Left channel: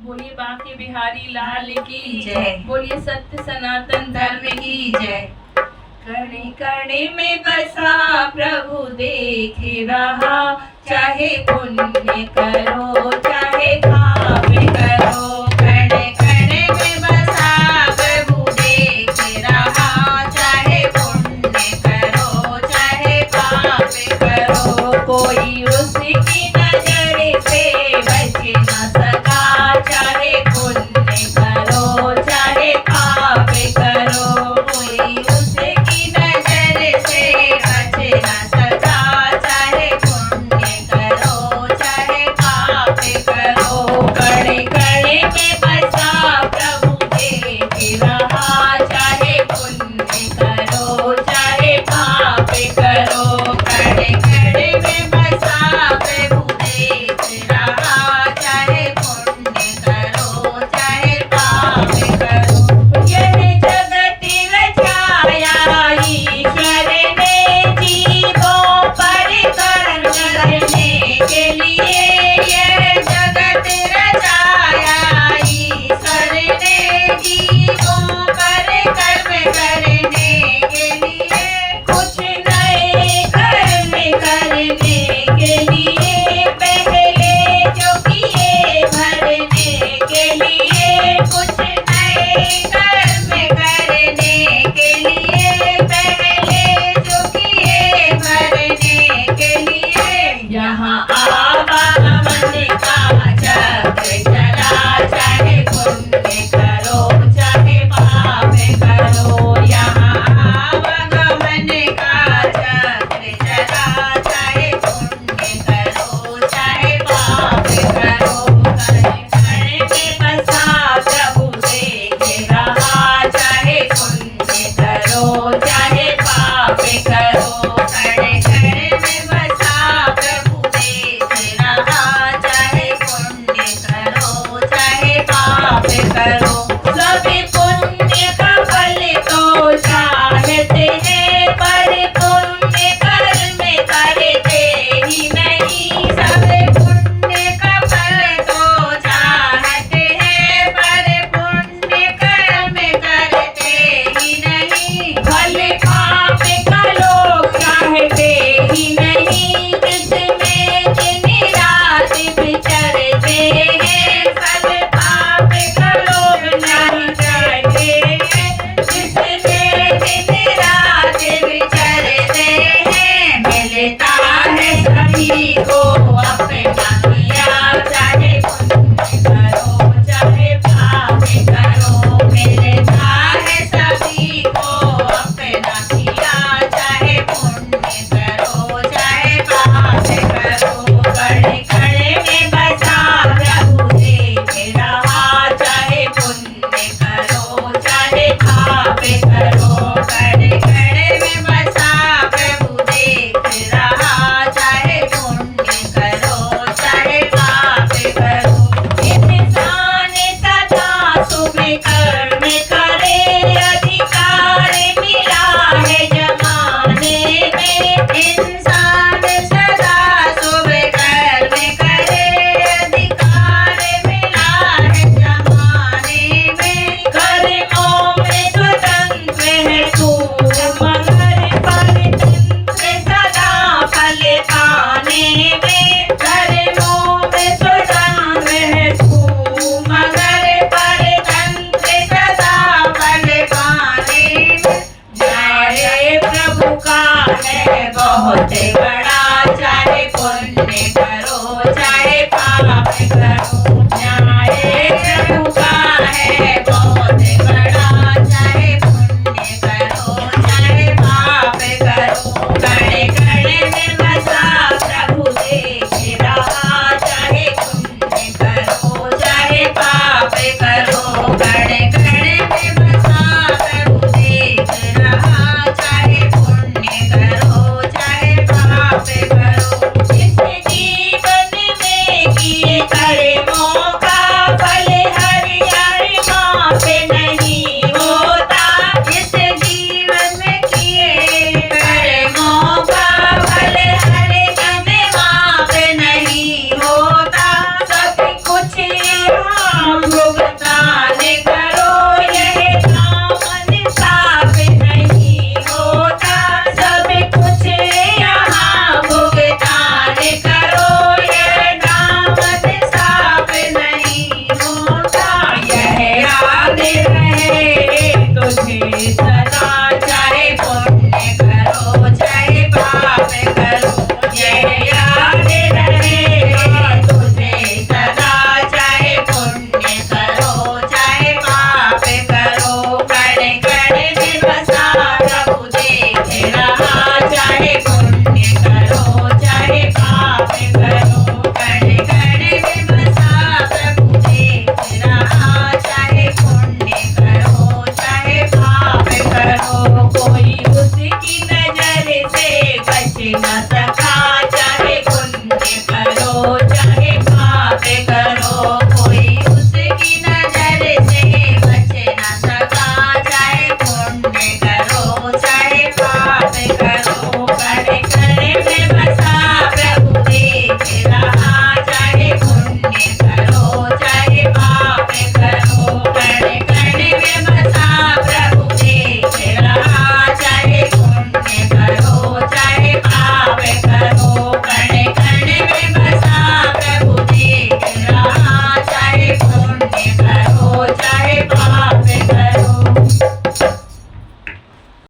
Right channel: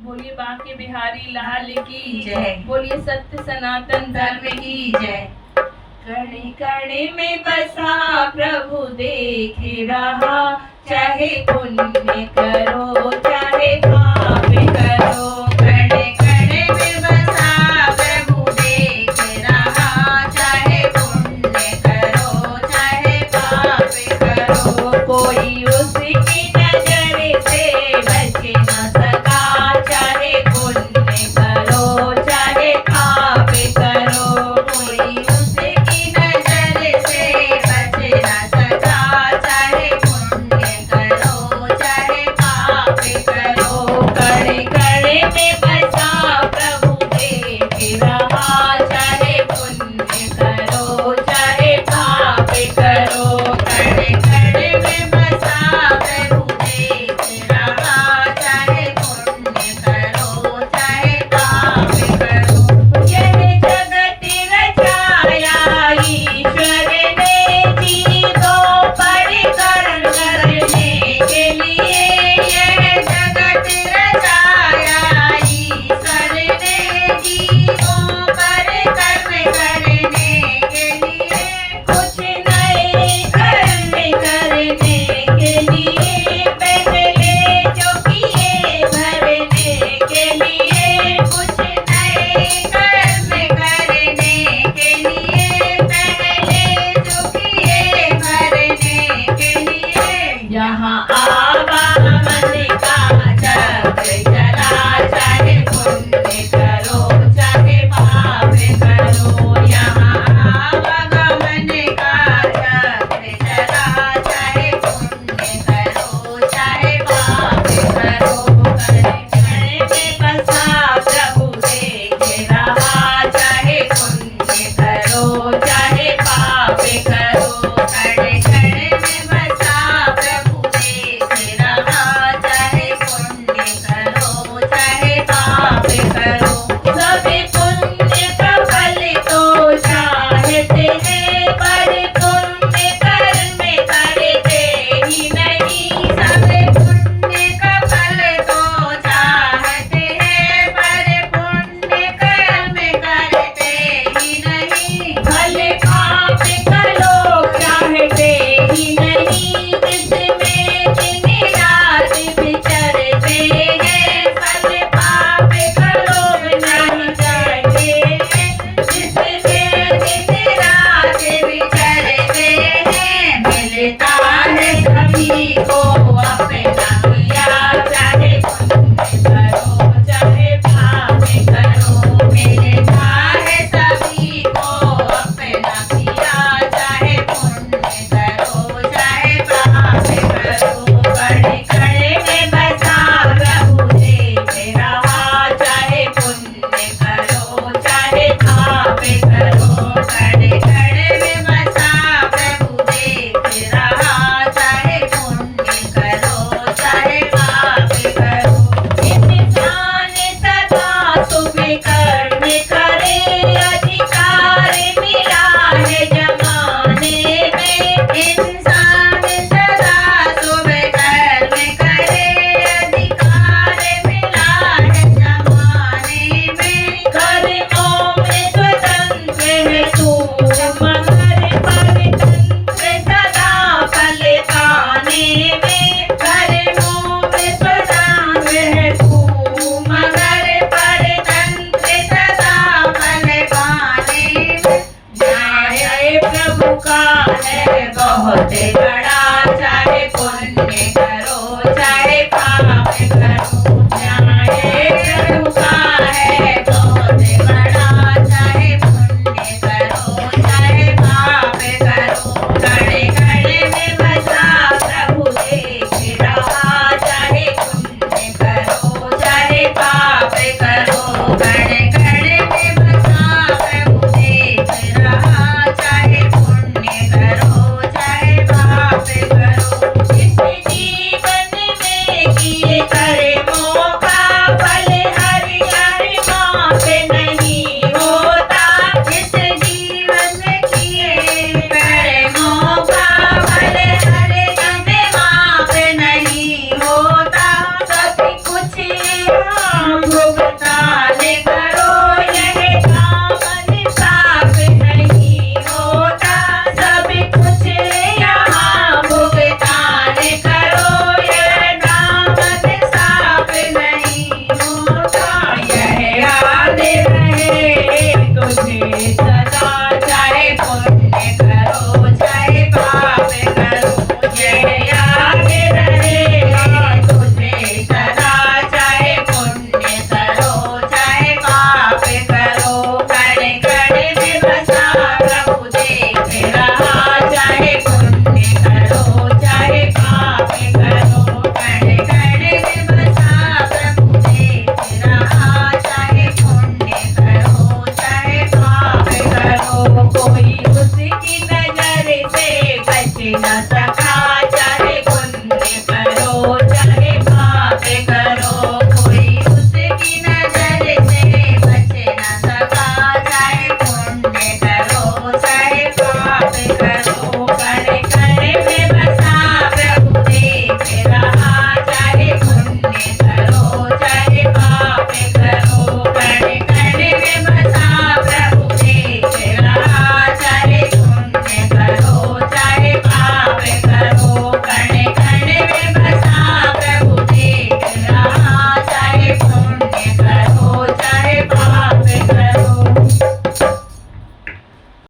बोलिए बांके बिहारी लाल की जय। बोलिए सत्य सनातन धर्म की जय। कणे कणे में बसा प्रभु देख रहा, चाहे पुण्य करो चाहे पाप करो। कणे कणे में बसा प्रभु देख रहा, चाहे पुण्य करो चाहे पाप करो। कोई उसकी नजर से बच न सका, चाहे पुण्य करो चाहे पाप करो। कोई उसकी नजर से बच न सका, चाहे पुण्य करो चाहे पाप करो। कणे कणे में बसा प्रभु देख रहा, चाहे पुण्य करो चाहे पाप करो। कणे कणे में बसा प्रभु देख रहा, चाहे पुण्य करो चाहे पाप करो। यह जगत रचाया ईश्वर ने जीवों पर कर्म करने के लिए। यह जगत रचाया भुगतान